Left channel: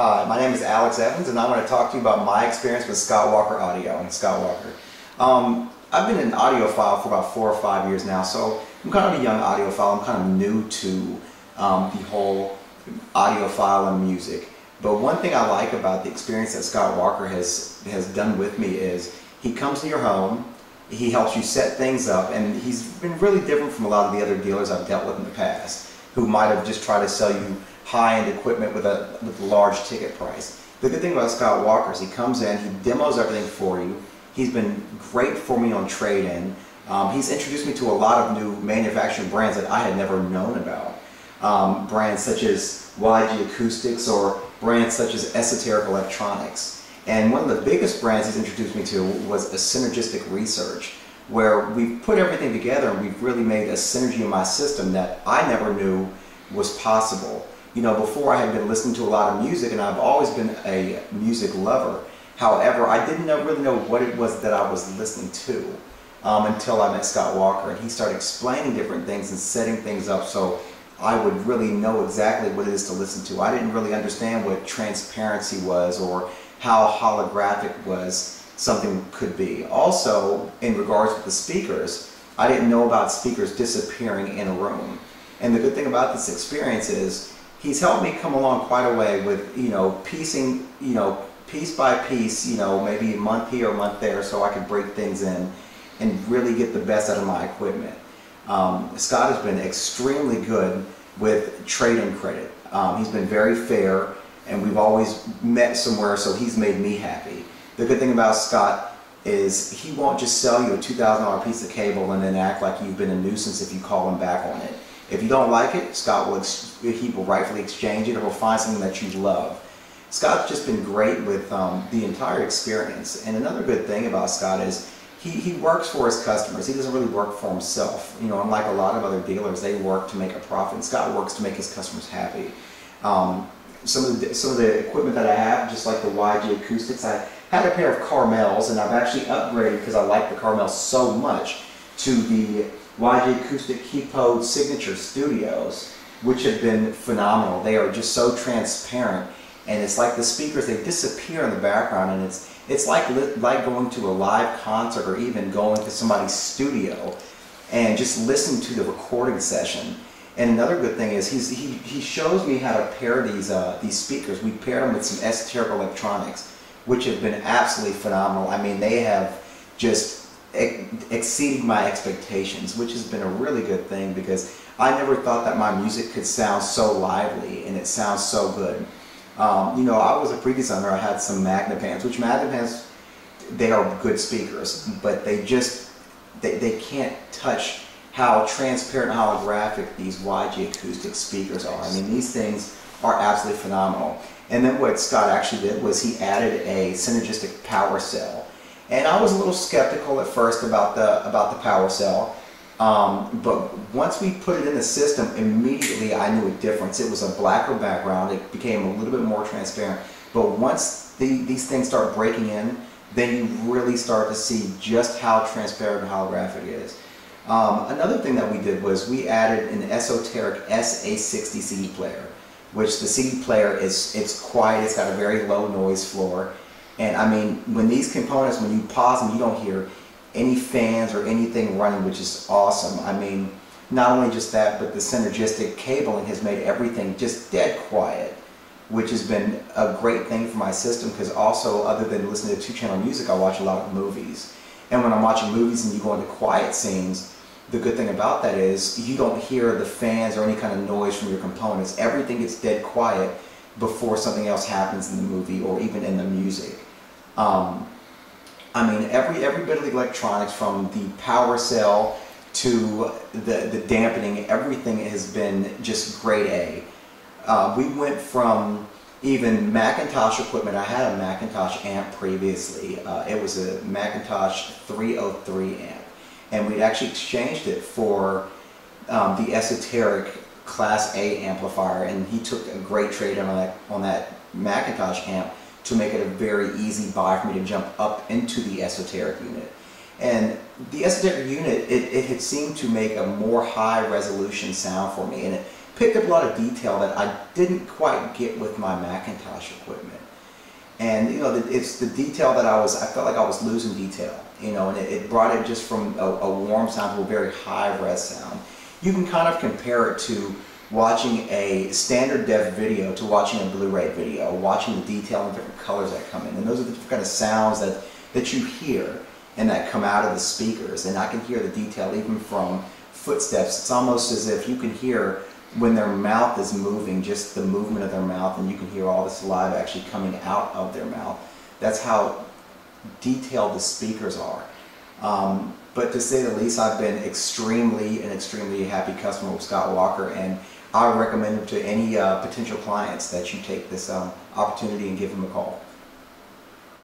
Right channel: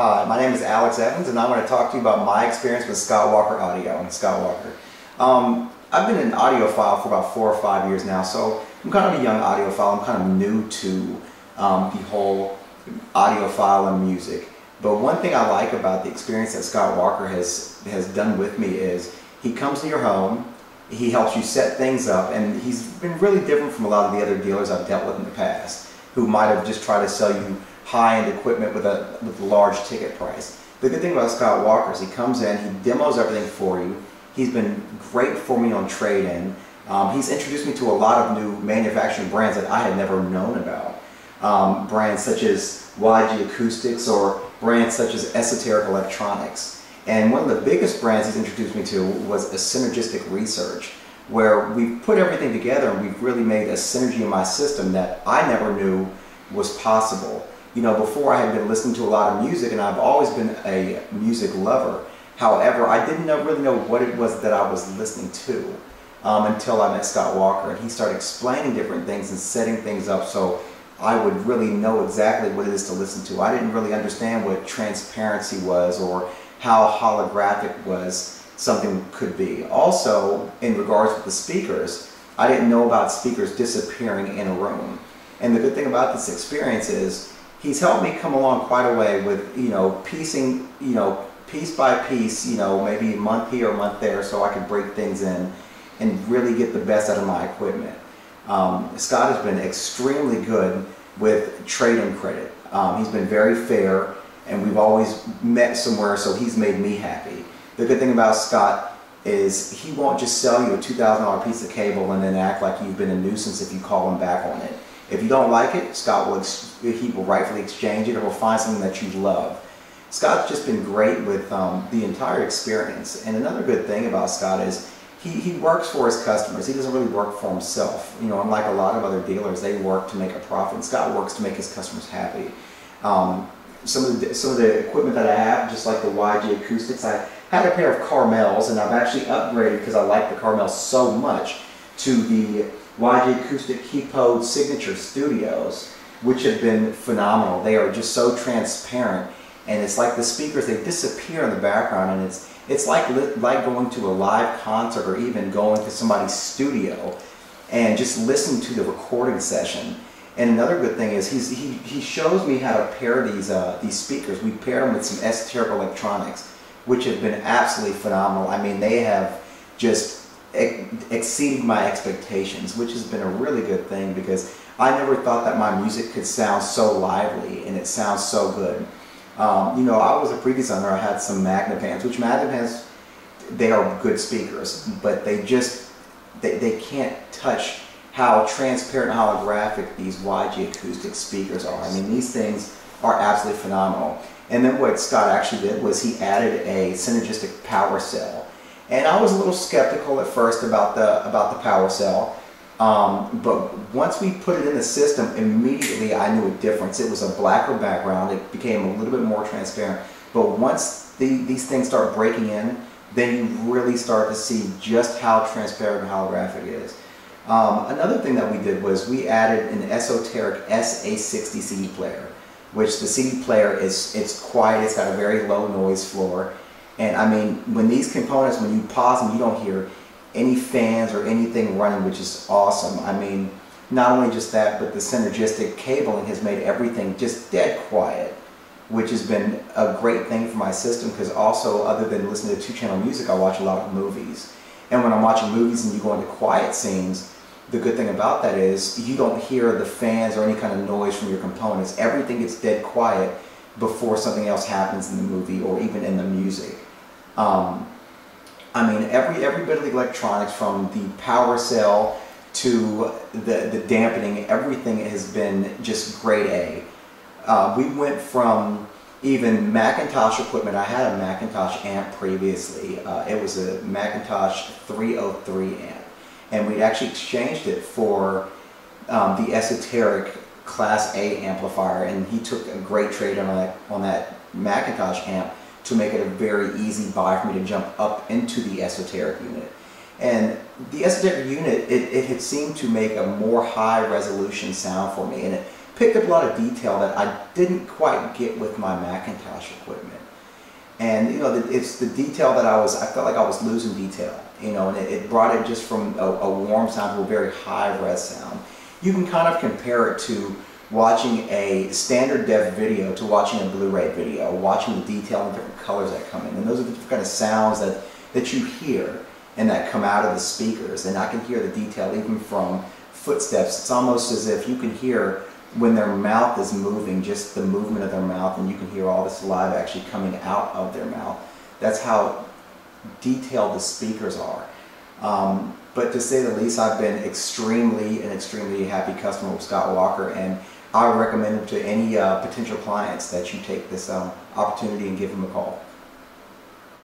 Hi, my name is Alex Evans, and I'm going to talk to you about my experience with Scott Walker Audio and Scott Walker. I've been an audiophile for about 4 or 5 years now, so I'm kind of a young audiophile. I'm kind of new to the whole audiophile and music. But one thing I like about the experience that Scott Walker has done with me is he comes to your home, he helps you set things up, and he's been really different from a lot of the other dealers I've dealt with in the past, who might have just tried to sell you high-end equipment with a large ticket price. The good thing about Scott Walker is he comes in, he demos everything for you. He's been great for me on trade-in. He's introduced me to a lot of new manufacturing brands that I had never known about. Brands such as YG Acoustics or brands such as Esoteric Electronics. And one of the biggest brands he's introduced me to was a synergistic research, where we've put everything together and we've really made a synergy in my system that I never knew was possible. You know, before I had been listening to a lot of music, and I've always been a music lover. However, I didn't really know what it was that I was listening to until I met Scott Walker, and he started explaining different things and setting things up so I would really know exactly what it is to listen to. I didn't really understand what transparency was or how holographic was something could be. Also, in regards to the speakers, I didn't know about speakers disappearing in a room. And the good thing about this experience is he's helped me come along quite a way with, piecing, piece by piece, maybe a month here, a month there, so I could break things in and really get the best out of my equipment. Scott has been extremely good with trade-in credit. He's been very fair, and we've always met somewhere, so he's made me happy. The good thing about Scott is he won't just sell you a $2,000 piece of cable and then act like you've been a nuisance if you call him back on it. If you don't like it, Scott will rightfully exchange it, or will find something that you love. Scott's just been great with the entire experience. And another good thing about Scott is he works for his customers. He doesn't really work for himself. Unlike a lot of other dealers, they work to make a profit. And Scott works to make his customers happy. Some of the equipment that I have, just like the YG Acoustics, I had a pair of Carmels, and I've actually upgraded because I like the Carmels so much to the YG Acoustic Keypode Signature Studios, which have been phenomenal. They are just so transparent, and it's like the speakers, they disappear in the background, and it's like going to a live concert or even going to somebody's studio and just listening to the recording session. And another good thing is he shows me how to pair these speakers. We paired them with some Esoteric Electronics, which have been absolutely phenomenal. I mean, they have just exceeded my expectations, which has been a really good thing because I never thought that my music could sound so lively and it sounds so good. I was a previous owner. I had some Magnepans, which Magnepans, they are good speakers, but they can't touch how transparent and holographic these YG Acoustic speakers are. I mean, these things are absolutely phenomenal. And then what Scott actually did was he added a synergistic power cell. And I was a little skeptical at first about the power cell, but once we put it in the system, immediately I knew a difference. It was a blacker background. It became a little bit more transparent. But once these things start breaking in, then you really start to see just how transparent and holographic it is. Another thing that we did was we added an Esoteric SA60 CD player, which the CD player it's quiet. It's got a very low noise floor. And I mean, when these components, when you pause them, you don't hear any fans or anything running, which is awesome. I mean, not only just that, but the synergistic cabling has made everything just dead quiet, which has been a great thing for my system because also, other than listening to two-channel music, I watch a lot of movies. And when I'm watching movies and you go into quiet scenes, the good thing about that is you don't hear the fans or any kind of noise from your components. Everything gets dead quiet before something else happens in the movie or even in the music. I mean, every bit of the electronics, from the power cell to the dampening, everything has been just grade A. We went from even Macintosh equipment. I had a Macintosh amp previously. It was a Macintosh 303 amp, and we'd actually exchanged it for the Esoteric Class A amplifier, and he took a great trade on that Macintosh amp to make it a very easy buy for me to jump up into the Esoteric unit. And the Esoteric unit, it had seemed to make a more high resolution sound for me, and it picked up a lot of detail that I didn't quite get with my Macintosh equipment. And you know, it's the detail that I felt like I was losing detail, you know, and it brought it just from a warm sound to a very high res sound. You can kind of compare it to watching a standard def video to watching a Blu-ray video, watching the detail and different colors that come in. And those are the different kind of sounds that you hear and that come out of the speakers. And I can hear the detail even from footsteps. It's almost as if you can hear when their mouth is moving, just the movement of their mouth, and you can hear all the saliva actually coming out of their mouth. That's how detailed the speakers are. But to say the least, I've been extremely happy customer with Scott Walker, and I would recommend it to any potential clients that you take this opportunity and give them a call.